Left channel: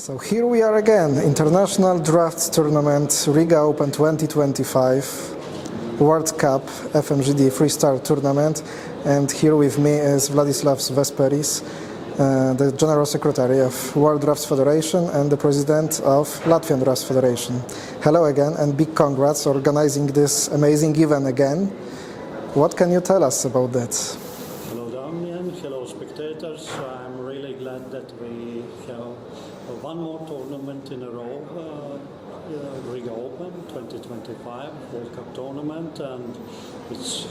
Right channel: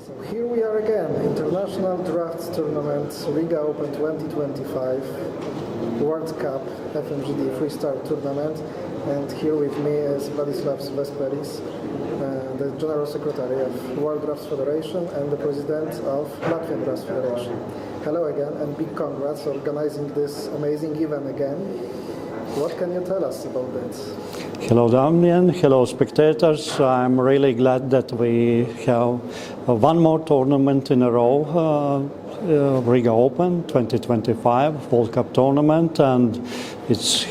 So here we are again, International Draughts Tournament, Riga Open 2025, World Cup FMGD Freestyle Tournament, and here with me is Vladislavs Vesperis, the General Secretary of World Draughts Federation and the President of Latvian Draughts Federation. Hello again and big congrats for organizing this amazing event again. What can you tell us about that? Hello Damian, hello spectators. I'm really glad that we have one more tournament in a row, Riga Open 2025 World Cup tournament, and it's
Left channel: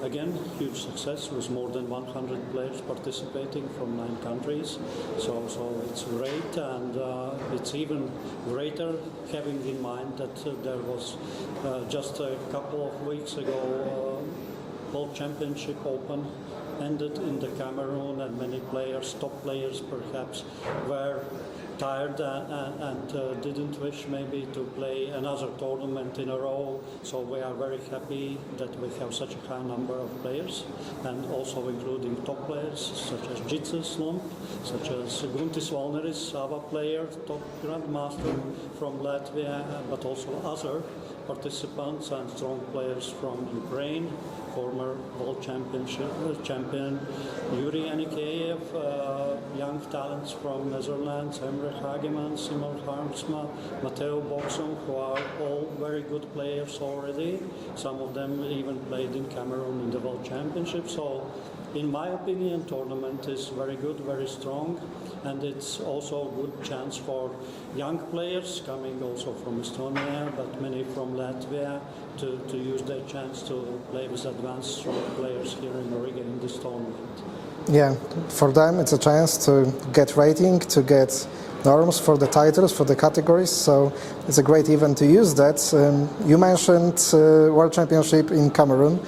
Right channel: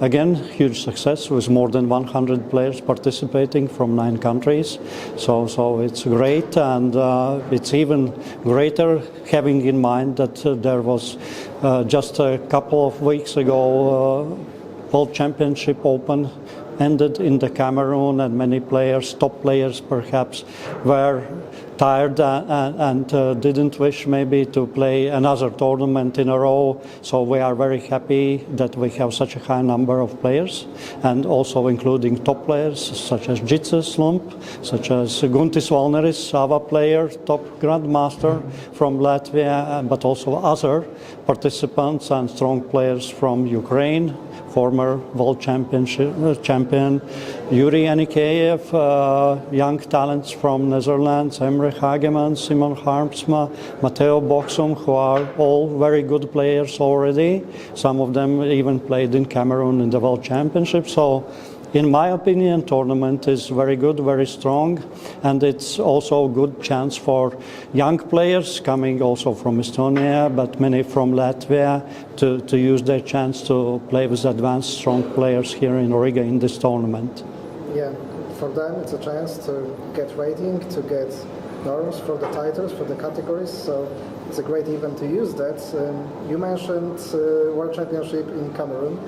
again huge success with more than 100 players participating from 9 countries. So it's great, and it's even greater having in mind that there was just a couple of weeks ago World Championship Open ended in the Cameroon, and many players, top players perhaps, were tired and didn't wish maybe to play another tournament in a row. So we are very happy that we have such a high number of players, and also including top players such as Jitse Slump, such as Guntis Valneris, our player, top grandmaster from Latvia, but also other participants and strong players from Ukraine, former World champion Yuri Anikeyev, young talents from Netherlands, Emre Hageman, Simon Harmsma, Matteo Boxum, who are all very good players already. Some of them even played in Cameroon in the World Championship. So in my opinion, tournament is very good, very strong, and it's also a good chance for young players coming also from Estonia, but many from Latvia, to use their chance to play with advanced strong players here in Riga in this tournament. Yeah, for them it's a chance to get rating, to get norms for the titles, for the categories, so it's a great event to use that. You mentioned World Championship in Cameroon,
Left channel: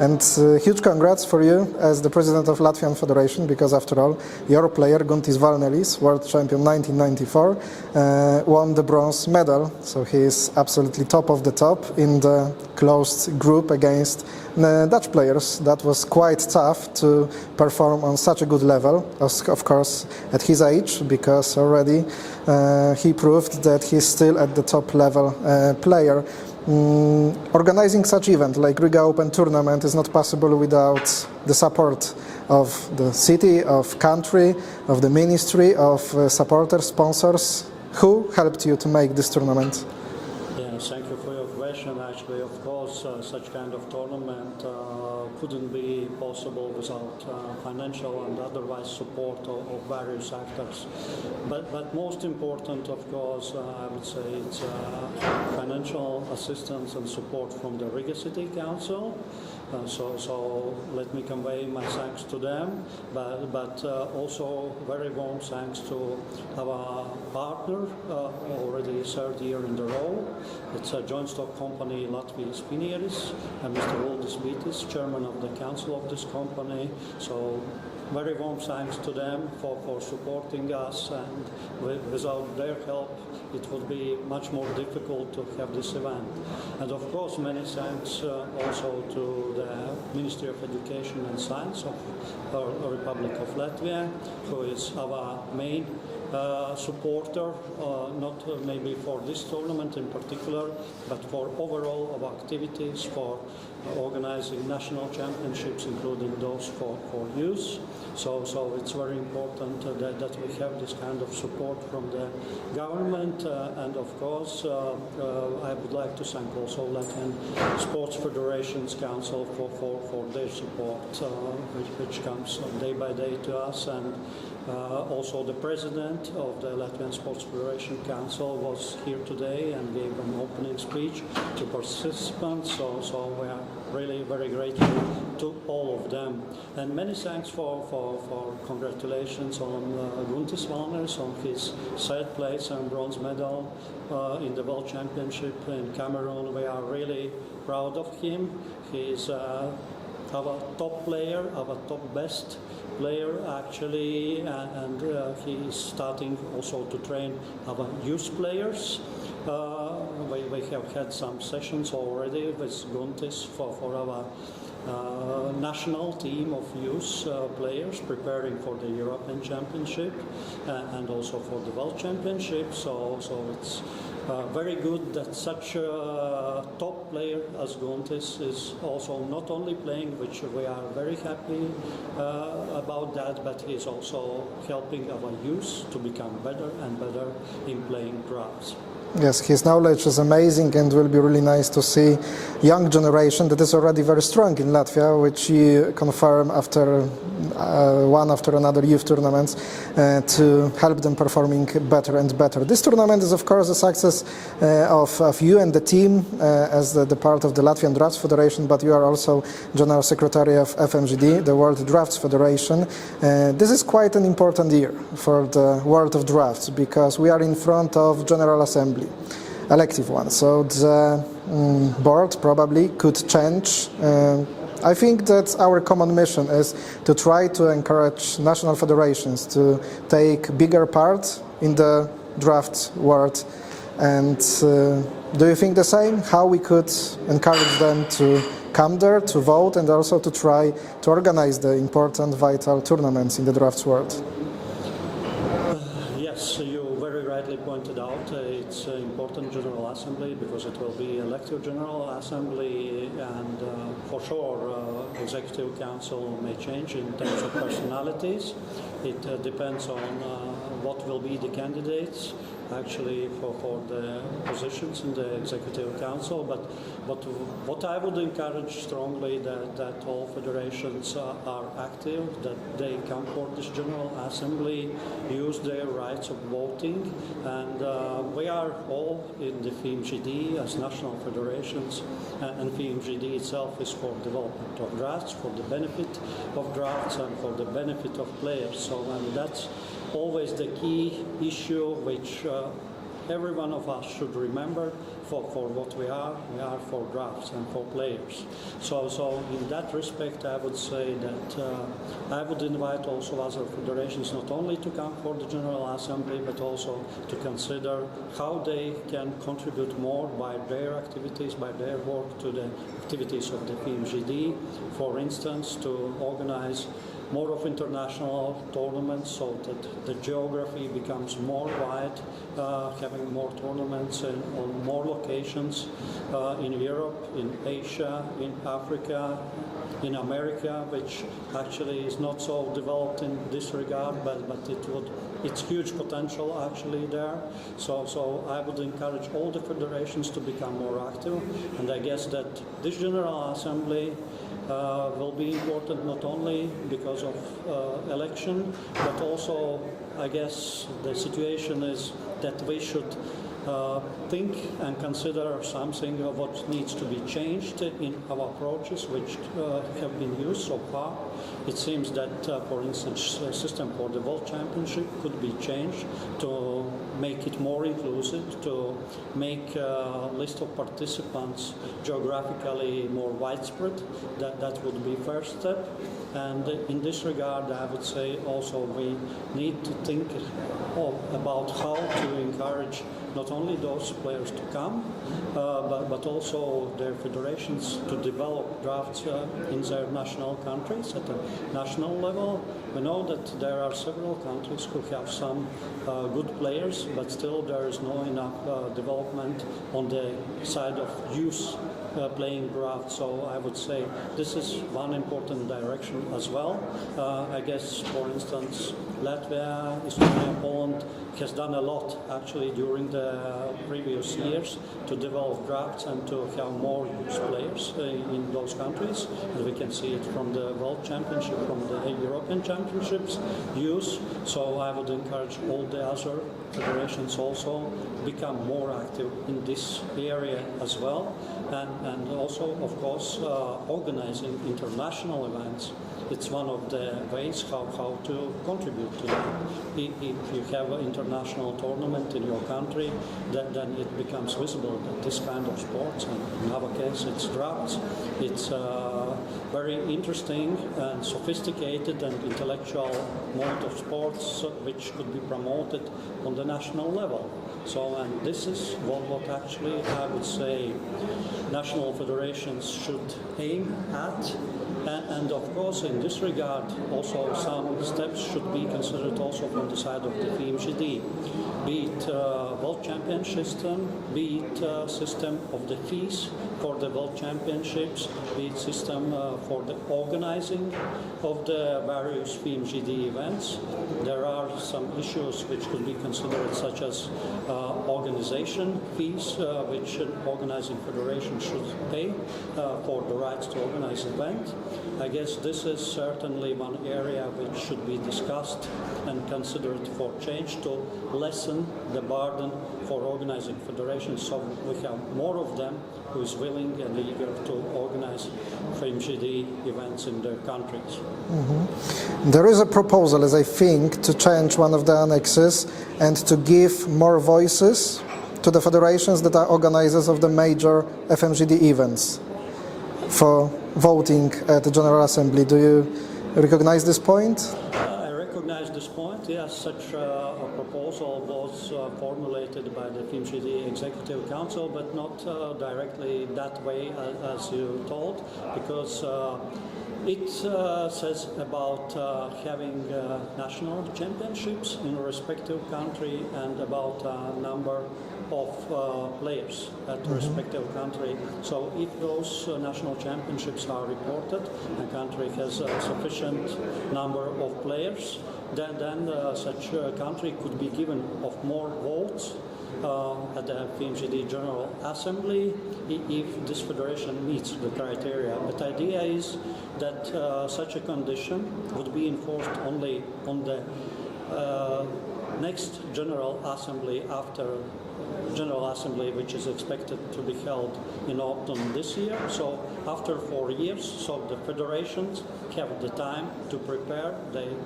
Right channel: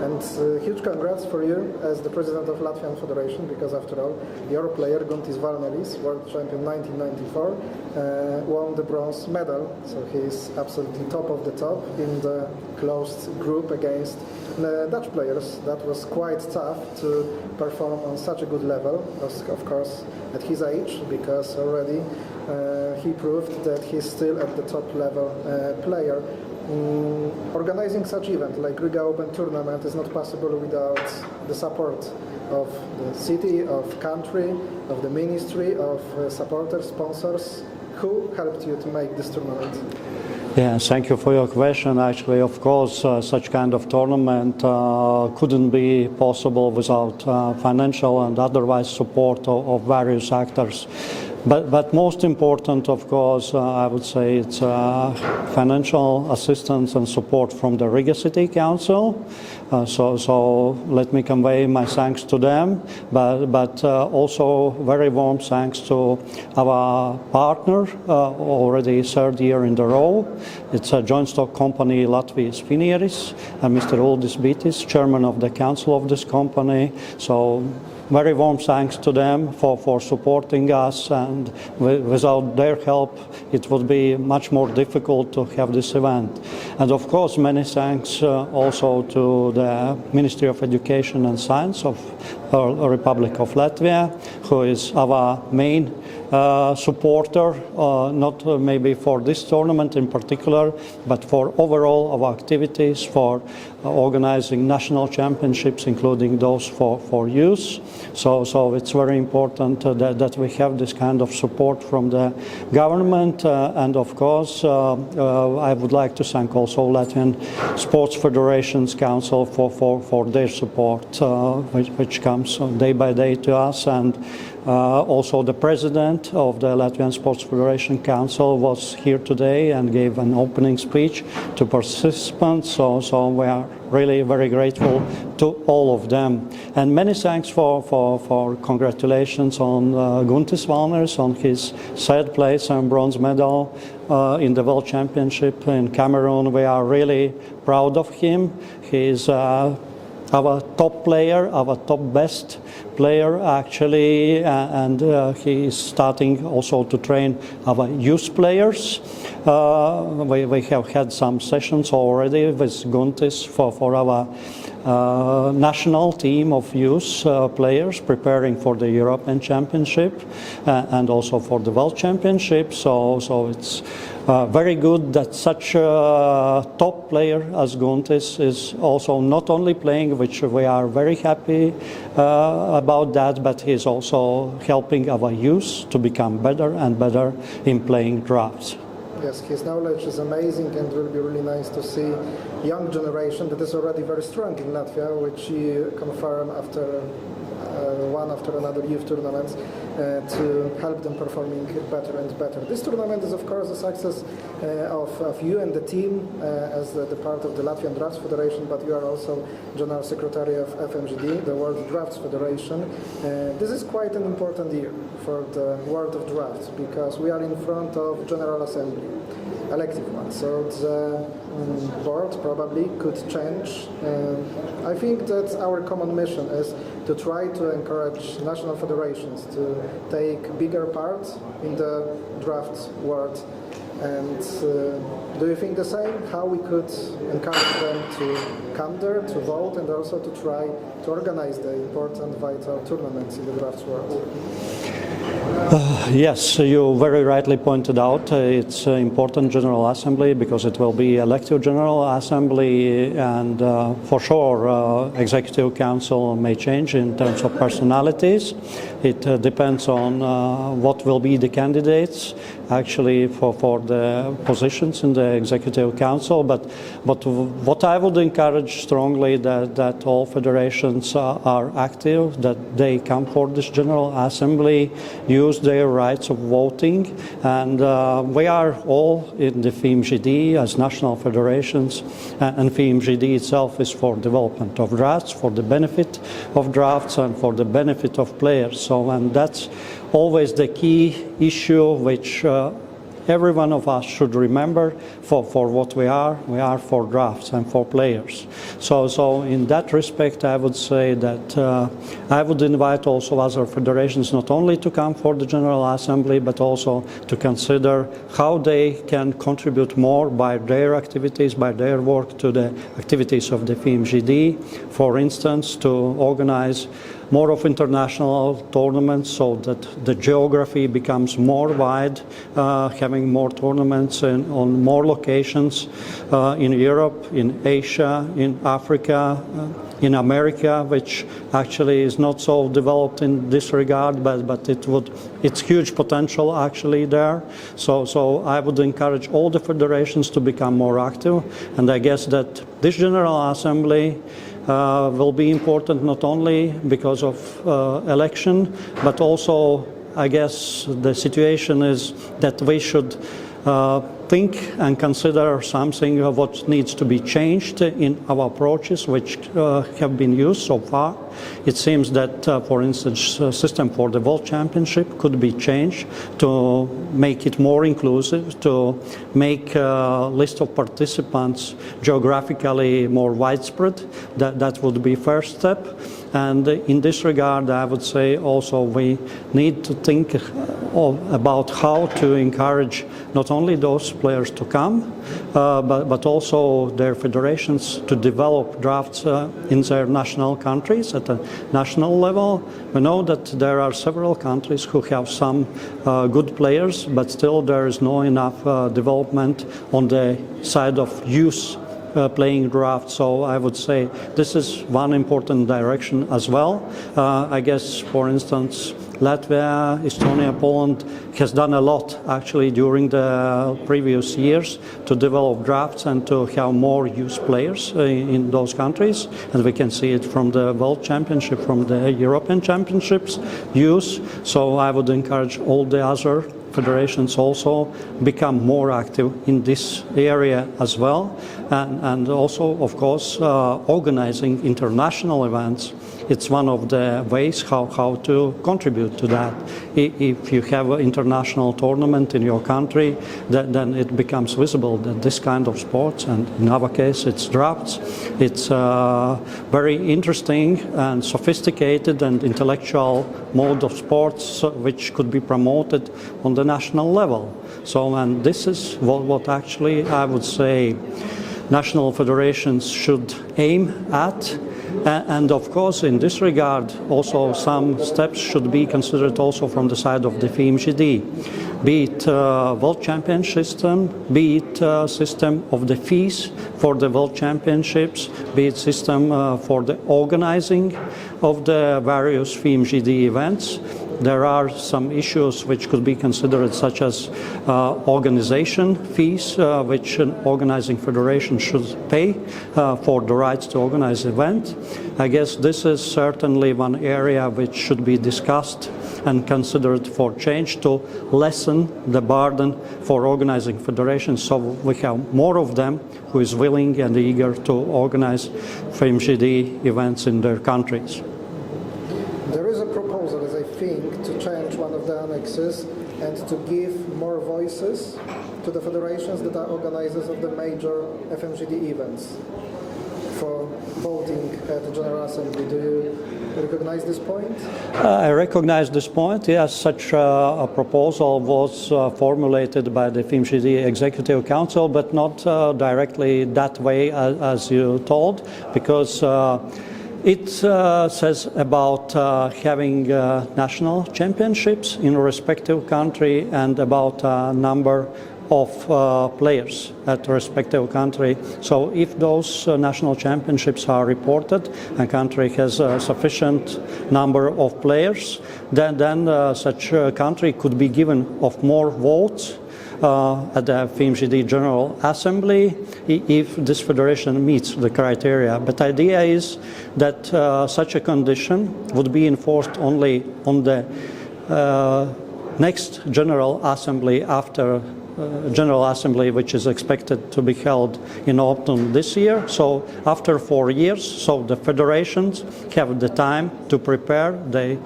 and huge congrats for you as the President of Latvian Federation, because after all, your player Guntis Valneris, World Champion 1994, won the bronze medal, so he is absolutely top of the top in the closed group against Dutch players. That was quite tough to perform on such a good level, of course at his age, because already he proved that he's still at the top level player. Organizing such event like Riga Open tournament is not possible without the support of the city, of country, of the ministry, of supporters, sponsors. Who helped you to make this tournament? Yeah, thank you for your question. Actually, of course, such kind of tournament couldn't be possible without financial and otherwise support of various actors. But most important, of course, I would say it's financial assistance and support from the Riga City Council. So let me convey my thanks to them, but also very warm thanks to our partner, already 3rd year in a row. It's a joint stock company, Vesperis, and Mr. Uldis Bitis, chairman of the council of this company. So very warm thanks to them for supporting us, and without their help it would be much more difficult to have this event. And of course many thanks also to the Ministry of Education and Science of the Republic of Latvia, who is our main supporter, not maybe for this tournament in particular, but for overall our activities, for organizing national championships, including those for youth. So it's very important that we have this kind of support from the government, and of course I would like to thank also Latvian Sports Federations Council for their support, which comes day by day to us. And also the president of the Latvian Sports Federation Council was here today and gave an opening speech to participants, so we are really very grateful to all of them. And many thanks for congratulations on Guntis Valneris on his 3rd place and bronze medal in the World Championship in Cameroon. We are really proud of him. He is our top player, our top best player actually, and he is starting also to train our youth players. We have had some sessions already with Guntis for our national team of youth players preparing for the European Championship and also for the World Championship. So it's very good that such a top player as Guntis is also not only playing, which we are very happy about that, but he's also helping our youth to become better and better in playing draughts. Yes, his knowledge is amazing, and will be really nice to see young generation that is already very strong in Latvia, which you confirm after one after another youth tournaments to help them performing better and better. This tournament is of course a success of you and the team as the part of the Latvian Draughts Federation, but you are also General Secretary of FMGD, the World Draughts Federation. This is quite an important year for the world of draughts because we are in front of General Assembly, elective one, so the board probably could change. I think that our common mission is to try to encourage national federations to take bigger part in the draft world. And do you think the same? How we could encourage them to come there, to vote, and also to try to organize the important, vital tournaments in the drafts world? Yes, you very rightly pointed out it's an important General Assembly because it will be elective General Assembly, and for sure Executive Council may change in terms of personalities. It depends on what will be the candidates actually for the positions in the Executive Council, but what I would encourage strongly that all federations are active, that they come for this General Assembly, use their rights of voting, and we are all in the FMGD as national federations, and FMGD itself is for development of drafts, for the benefit of drafts and for the benefit of players. So, and that's always the key issue which every one of us should remember for what we are for drafts and for players. So in that respect I would say that I would invite also other federations not only to come for the General Assembly but also to consider how they can contribute more by their activities, by their work to the activities of the FMGD. For instance, to organize more of international tournaments so that the geography becomes more wide, having more tournaments on more locations in Europe, in Asia, in Africa, in America, which actually is not so developed in this regard, but it's huge potential actually there. So I would encourage all the federations to become more active, and I guess that this General Assembly will be important not only because of election, but also I guess the situation is that we should think and consider something of what needs to be changed in our approaches which have been used so far. It seems that, for instance, the system for the World Championship could be changed to make it more inclusive, to make a list of participants geographically more widespread. That would be first step. And in this regard, I would say also we need to think about how to encourage not only those players to come, but also their federations to develop drafts in their national countries at a national level. We know that there are several countries who have some good players, but still there is not enough development on the side of youth playing drafts. So I would say this is one important direction as well. I guess, for instance, Latvia, Estonia, Poland has done a lot actually during the previous years to develop drafts and to have more youth players in those countries. And we can see it from the World Championship, from the European Championships youth. So I would encourage all the other federations also become more active in this area as well, and also of course organizing international events it's one of the ways how to contribute to that. If you have an international tournament in your country, then it becomes visible that this kind of sports, and in our case it's draughts, it's very interesting and sophisticated and intellectual mode of sports which could be promoted on the national level. So, and this is what actually I would say national federations should aim at. And of course, in this regard, also some steps should be considered also from the side of the FMGD, be it World Championship system, be it system of the fees for the World Championships, be it system for the organizing of the various FMGD events. There are some issues which could be considered, such as organization fees, which an organizing federation should pay for the rights to organize the event. I guess this is certainly one area which should be discussed and considered for change to lessen the burden for organizing federations, so we have more of them who is willing and eager to organize FMGD events in their countries. There is a proposal, as I think, to change one of the annexes and to give more voices to the federations that are organizers of the major FMGD events for voting at the General Assembly. Do you recognize this point? I recognize this point. Yes, such a proposal was formulated by the FMGD Executive Council, but not directly that way as you told, because it says about having national championships in a respective country and about number of players at a respective country. So if those national championships are reported, a country has a sufficient number of players, then such a country could be given of more votes at the FMGD General Assembly if this federation meets the criteria. But the idea is that such a condition would be enforced only on the next General Assembly after General Assembly, which is expected to be held in autumn this year. So after 4 years, so the federations have the time to prepare. They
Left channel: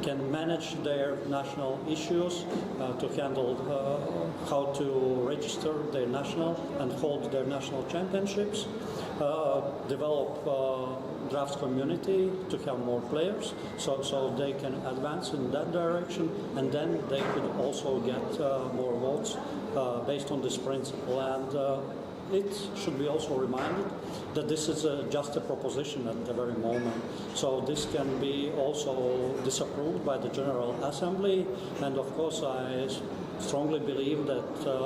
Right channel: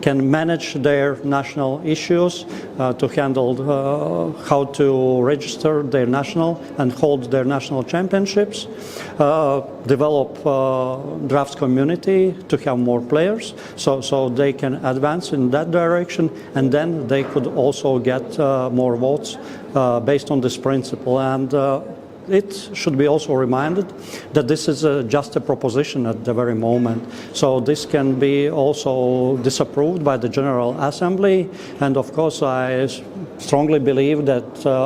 can manage their national issues, to handle how to register their national and hold their national championships, develop draughts community to have more players, so they can advance in that direction, and then they could also get more votes based on this principle. And it should be also reminded that this is just a proposition at the very moment. So this can be also disapproved by the General Assembly. And of course, I strongly believe that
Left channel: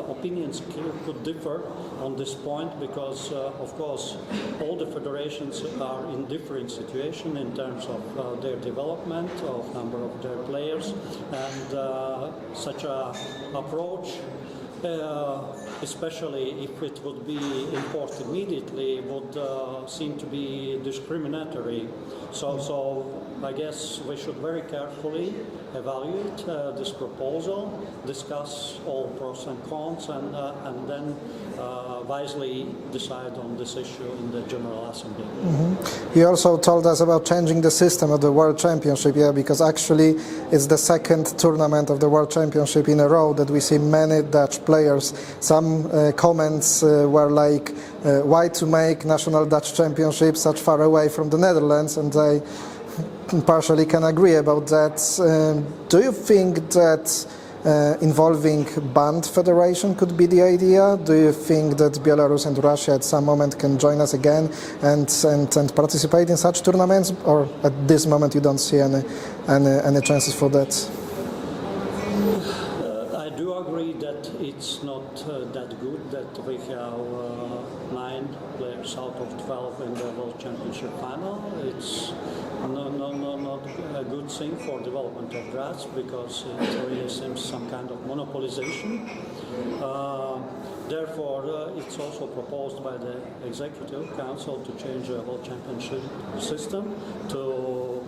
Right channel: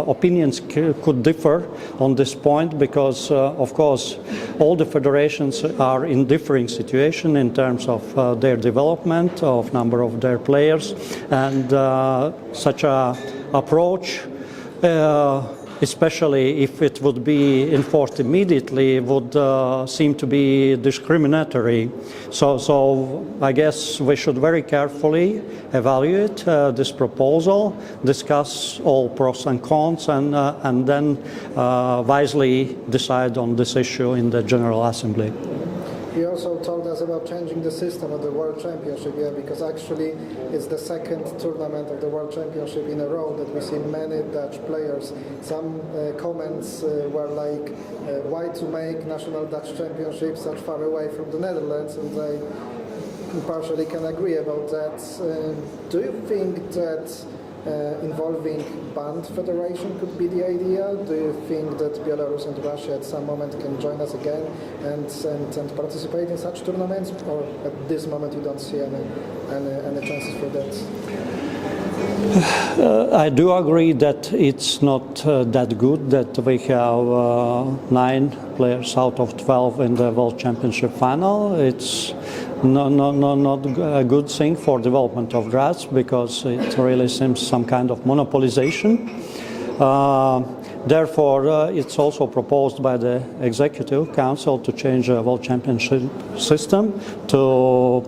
opinions could differ on this point, because of course all the federations are in differing situation in terms of their development, of number of their players, and such a approach, especially if it would be enforced immediately, would seem to be discriminatory. So I guess we should very carefully evaluate this proposal, discuss all pros and cons, and then wisely decide on this issue in the General Assembly. Mm-hmm. You also told us about changing the system of the World Championship, yeah, because actually it's the second tournament of the World Championship in a row that we see many Dutch players. Some comments were like, why to make national Dutch championship such far away from the Netherlands, and I partially can agree about that. Do you think that involving band federation could be the idea? Do you think that Belarus and Russia at some moment can join us again and participate in such tournaments, or at this moment you don't see any chances for that? I do agree that it's not that good that we have 9 players out of 12 in the World Championship final. It's not a good thing for development of draughts, because it really seems some kind of monopolization. Therefore, it's also proposed by the Executive Council to change the World Championship system to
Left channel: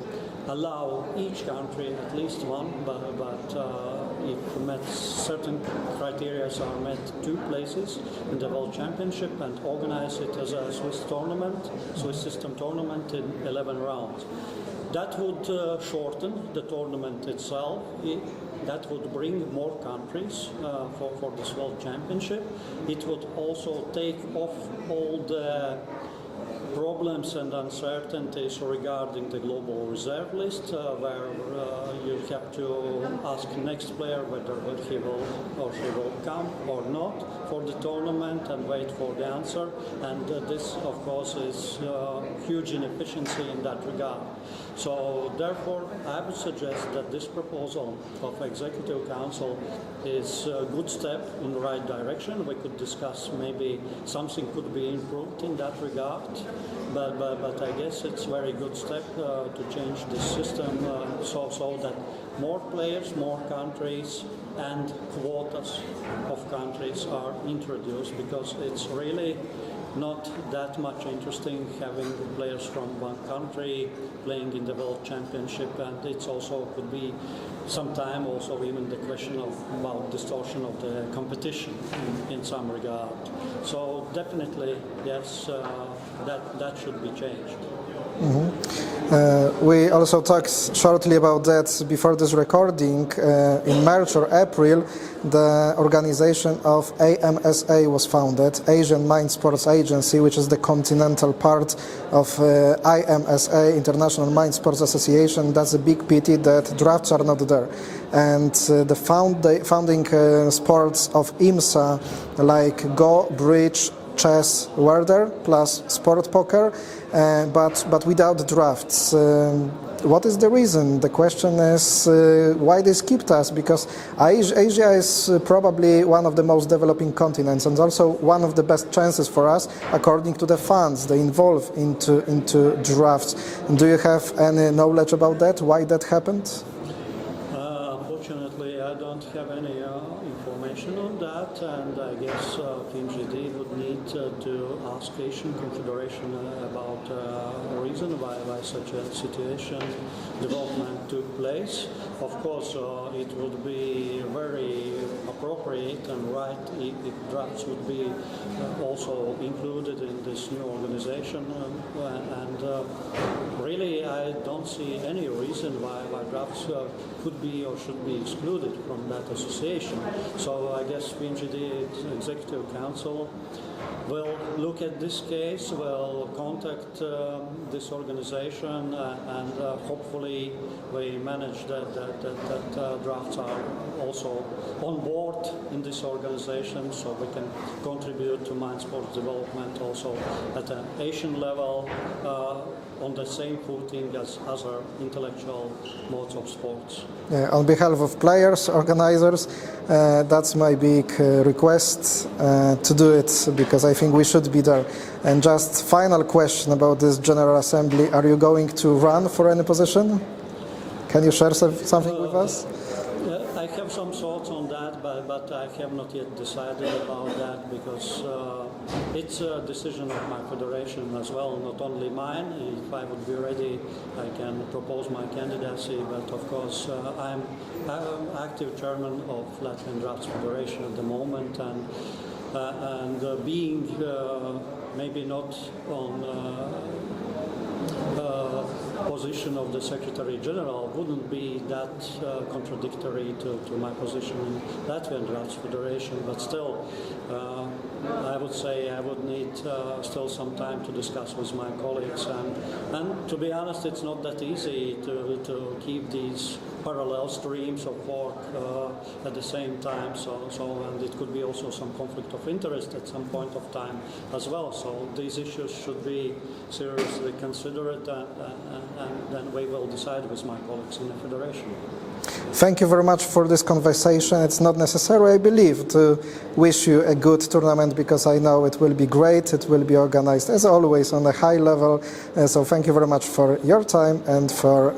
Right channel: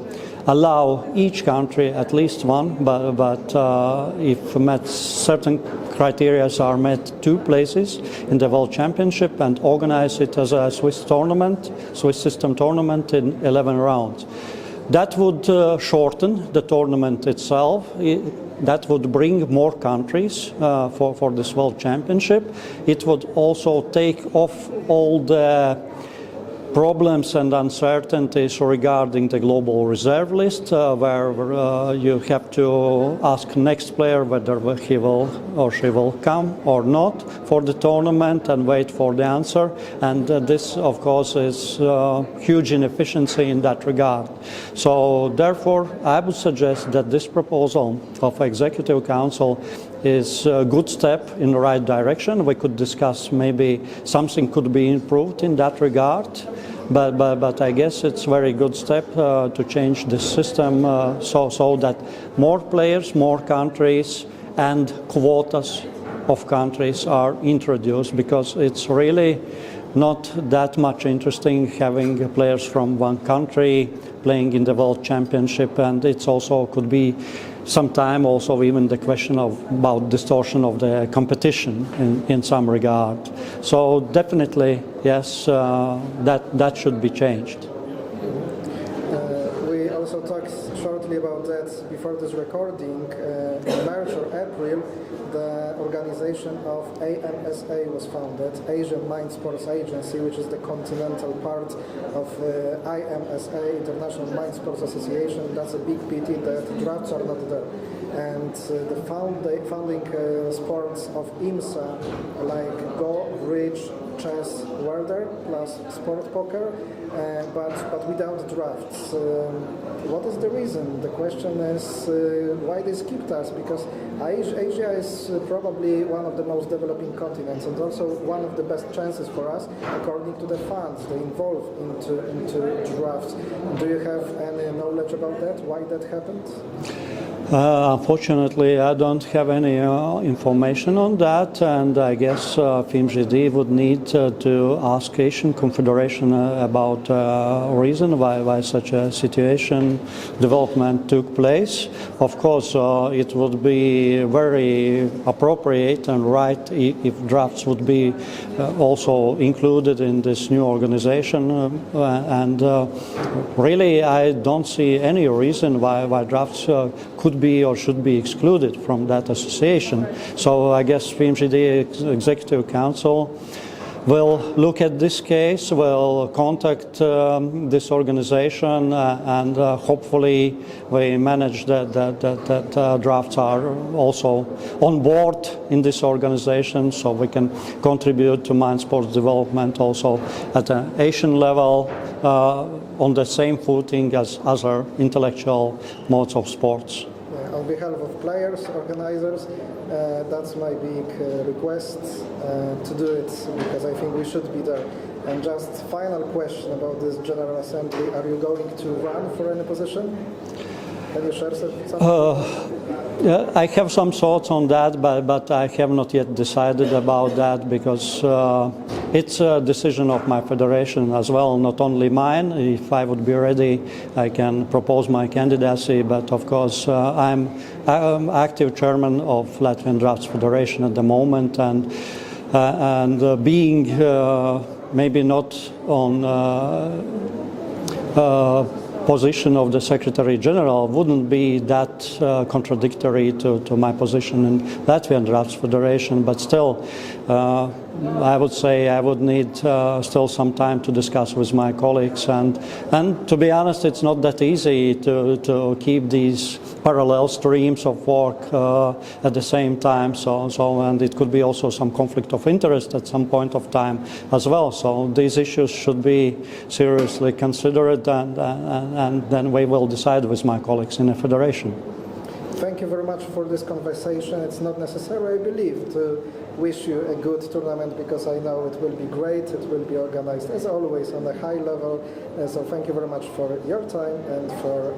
allow each country at least one, but if certain criteria are met, 2 places in the World Championship, and organize it as a Swiss system tournament in 11 rounds. That would shorten the tournament itself. That would bring more countries for this World Championship. It would also take off all the problems and uncertainties regarding the global reserve list, where you have to ask next player whether he will or she will come or not for the tournament and wait for the answer. And this, of course, is huge inefficiency in that regard. So therefore, I would suggest that this proposal of Executive Council is a good step in the right direction. We could discuss maybe something could be improved in that regard. But I guess it's a very good step to change this system so that more players, more countries and quotas of countries are introduced, because it's really not that much interesting having players from one country playing in the World Championship, and it's also could be sometime also even the question about distortion of the competition in some regard. So definitely, yes, that should be changed. We also talked shortly about that before this recording. In March or April, the organization of AMSA was founded, Asian Mind Sports Agency, which is the continental part of IMSA, International Mind Sports Association. That's a big pity that drafts are not there. And the founding sports of IMSA, like Go, Bridge, chess were there, plus sport poker, but without drafts. What is the reason? The question is why they skipped us, because Asia is probably one of the most developing continents and also one of the best chances for us according to the funds they involve into drafts. Do you have any knowledge about that, why that happened? Unfortunately, I don't have any information on that, and I guess FMJD would need to ask Asian Confederation about reason why such a situation development took place. Of course, it would be very appropriate and right if drafts would be also included in this new organization, and really I don't see any reason why drafts could be or should be excluded from that association. So I guess FMGD Executive Council will look at this case, will contact this organization, and hopefully we manage that drafts are also on board in this organization, so we can contribute to mind sports development also at an Asian level on the same footing as other intellectual modes of sports. On behalf of players, organizers, that's my big request to do it, because I think we should be there. And just final question about this General Assembly: are you going to run for any position? Can you share something with us? Yeah, I have some thoughts on that, but I have not yet decided about that, because it's a decision of my federation as well, not only mine. If I would be ready, I can propose my candidacy, but of course I'm active chairman of Latvian Draughts Federation at the moment, and being maybe not on position of the Secretary General wouldn't be that contradictory to my position in Latvian Draughts Federation, but still I would say I would need still some time to discuss with my colleagues, and to be honest, it's not that easy to keep these parallel streams of work at the same time, and it could be also some conflict of interest at some point of time as well. So these issues should be seriously considered, and then we will decide with my colleagues in the federation. Thank you very much for this conversation. It's not necessary, I believe, to wish you a good tournament, because I know it will be great. It will be organized, as always, on a high level. So thank you very much for your time and for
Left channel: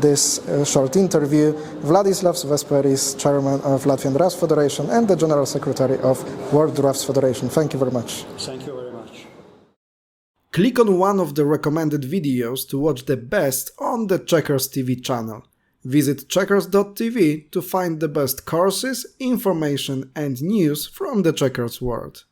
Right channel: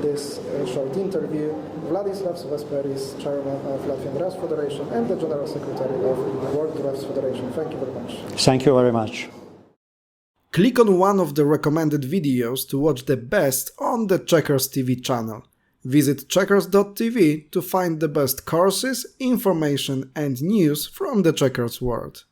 this short interview. Vladislavs, Vesperis, Chairman of Latvian Draughts Federation and the General Secretary of World Draughts Federation. Thank you very much. Thank you very much. Click on one of the recommended videos to watch the best on the checkersTV channel. Visit checkers.tv to find the best courses, information and news from the checkers world.